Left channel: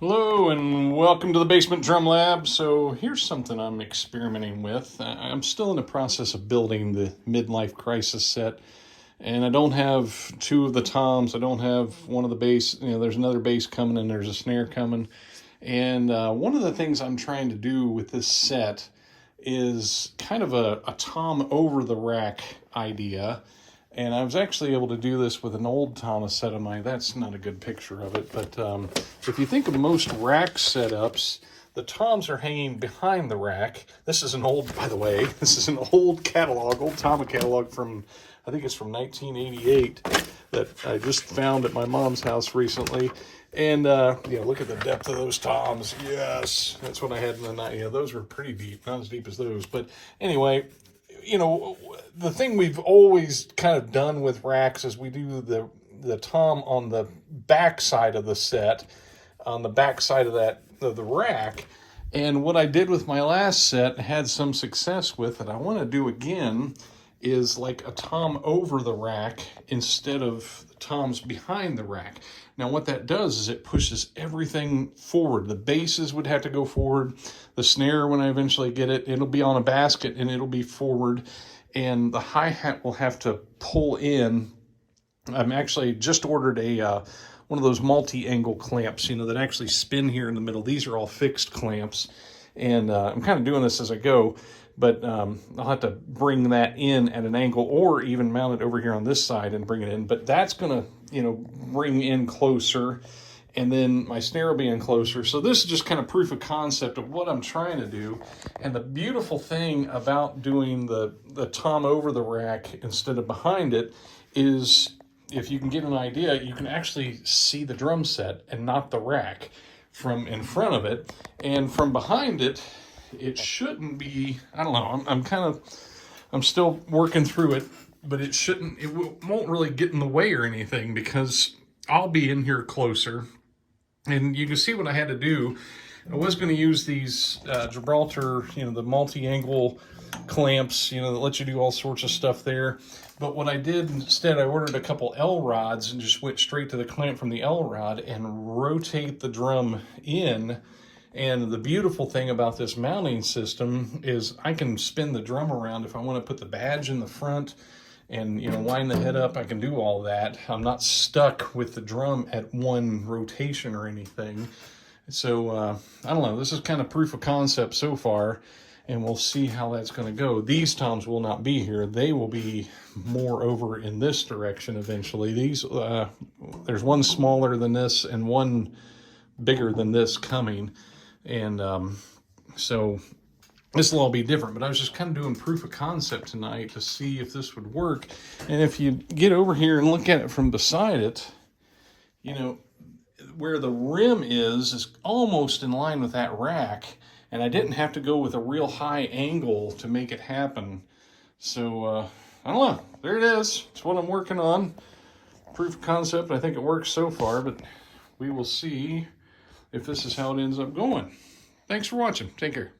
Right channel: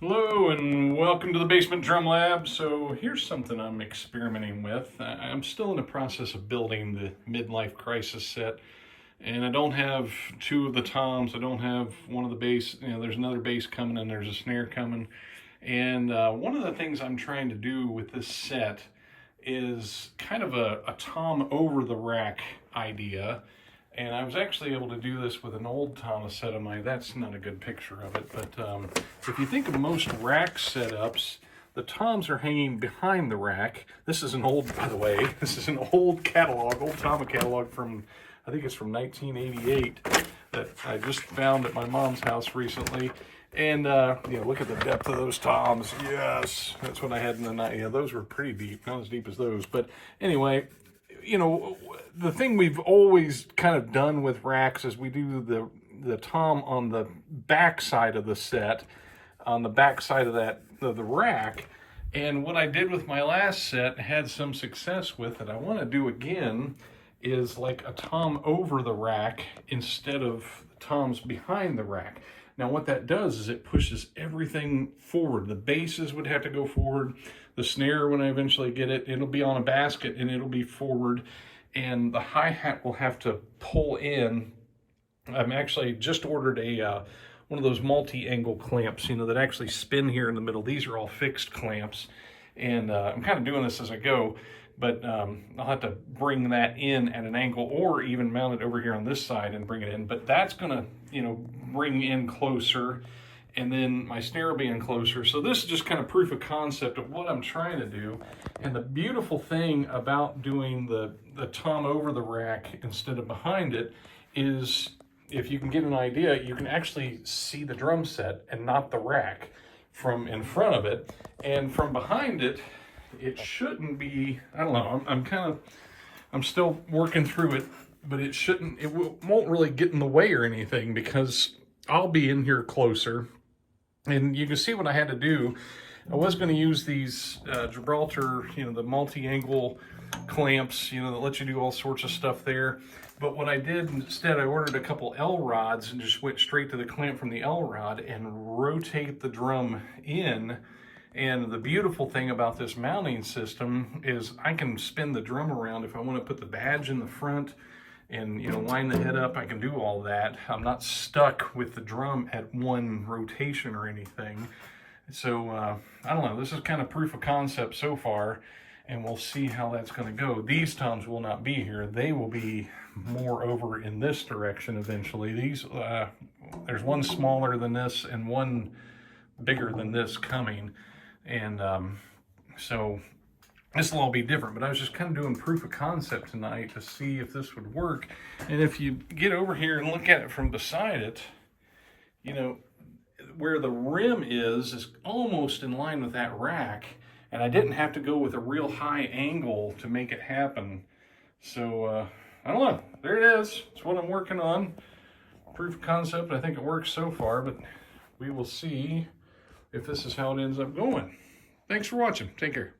Hello and welcome to the Basement Drum Lab. So here's something I'm experimenting with. I'm still in the process of building the midlife crisis set, and I don't have two of the toms. I don't have one of the bass. There's another bass coming and there's a snare coming. And one of the things I'm trying to do with this set is kind of a tom over the rack idea. And I was actually able to do this with an old Tama set of mine. That's not a good picture of it, but if you think of most rack setups, the toms are hanging behind the rack. This is an old, by the way, this is an old catalog, old Tama catalog from, I think it's from 1988, that I just found at my mom's house recently. And, look at the depth of those toms. Yes, that's what I had in the night. Yeah, those were pretty deep, not as deep as those. But anyway, the thing we've always kind of done with racks is we do the tom on the back side of the set, on the back side of the rack. And what I did with my last set, had some success with, and I want to do again, is like a tom over the rack instead of the toms behind the rack. Now what that does is it pushes everything forward. The basses would have to go forward. The snare, when I eventually get it, it'll be on a basket and it'll be forward. And the hi-hat will have to pull in. I'm actually just ordered one of those multi-angle clamps, that actually spin here in the middle. These are all fixed clamps. And I'm kind of doing this as I go. But I'll have to bring that in at an angle or even mount it over here on this side and bring it in. But that's going to, bring in closer, and then my snare will be in closer. So this is just kind of proof of concept of what I'm trying to do. And the beautiful thing about doing the tom over the rack instead of behind it is, if you can get an idea, you can actually see the drum set and not the rack from in front of it. And from behind it, it shouldn't be, I don't know, I'm still working through it, but it won't really get in the way or anything because I'll be in here closer. And you can see what I had to do. I was going to use these Gibraltar, the multi-angle clamps, that let you do all sorts of stuff there. But what I did instead, I ordered a couple L rods and just went straight to the clamp from the L rod and rotate the drum in. And the beautiful thing about this mounting system is I can spin the drum around. If I want to put the badge in the front and, wind the head up, I can do all that. I'm not stuck with the drum at one rotation or anything. So, I don't know, this is kind of proof of concept so far, and we'll see how that's going to go. These toms will not be here. They will be more over in this direction eventually. These, there's one smaller than this and one bigger than this coming. And so this will all be different, but I was just kind of doing proof of concept tonight to see if this would work. And if you get over here and look at it from beside it, where the rim is almost in line with that rack, and I didn't have to go with a real high angle to make it happen. So I don't know, there it is. It's what I'm working on. Proof of concept. I think it works so far, but we will see if this is how it ends up going. Thanks for watching. Take care.